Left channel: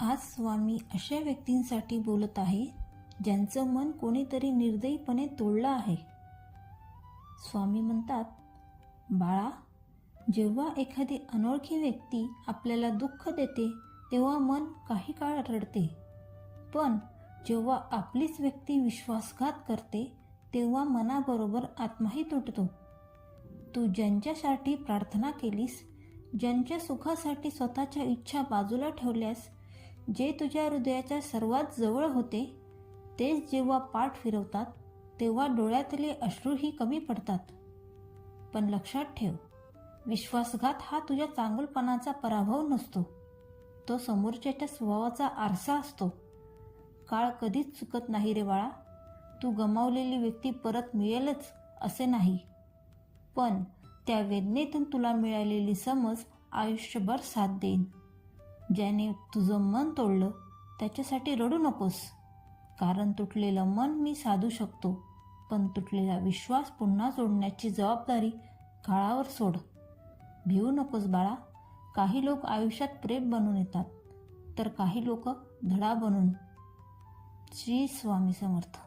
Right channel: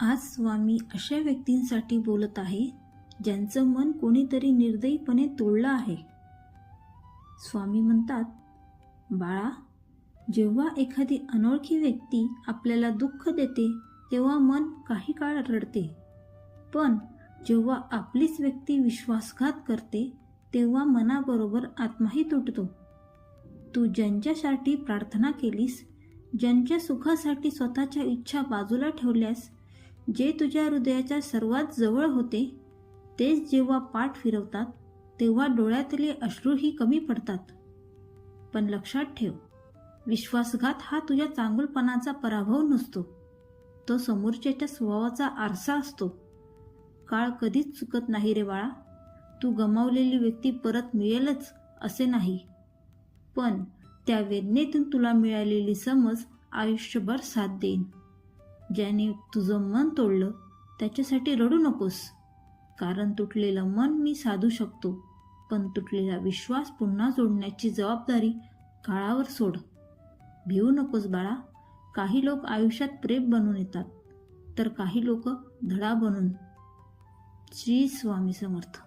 आज स्वामी अशा व्यक्तींसाठी बोलत आहे ज्यांचं मन कोणीतरी निर्दयीपणे तोडलं आहे. स्वामी म्हणतात, बाळा, जेव्हा एखादी अनोळखी व्यक्ती आपल्याला दुःख देते तेव्हा मन काही काळ रडते, पण जेव्हा आपलीच व्यक्ती विश्वासघात करते तेव्हा मनाबरोबर आत्माही तुटतो. तू ज्यांच्यासाठी प्रार्थना केलीस, ज्यांच्या सुखासाठी स्वतःच्या इच्छा बाजूला ठेवल्यास, जे तुझ्या हृदयाच्या सर्वात जवळ होते, तेच जेव्हा पाठ फिरवतात तेव्हा डोळ्यातले अश्रूही कमी पडतात. पण लक्षात ठेव, विश्वासघात हा तुझ्या चांगुलपणाचा पराभव नसतो, तो समोरच्याच्या स्वभावाचा आरसा असतो. काळ कधीच चुकत नाही रे बाळा. तू गमावलेली व्यक्ती परत मिळेलच असे नाही, पण त्या वेदनेतून तुला मिळालेली समज आयुष्यभर साथ देईन. ज्याने तुझं मन तोडलं त्याच्यासाठी रडू नकोस, कारण तुटलेलं मन मी साधू शकतो, पण तुटलेला विश्वास पुन्हा जोडण्याची जबाबदारी काळावर सोड. भिवू नकोस बाळा. काही लोक आयुष्यात प्रेम बनून येतात, तर काही लोक धडा बनून. श्री स्वामी समर्थ.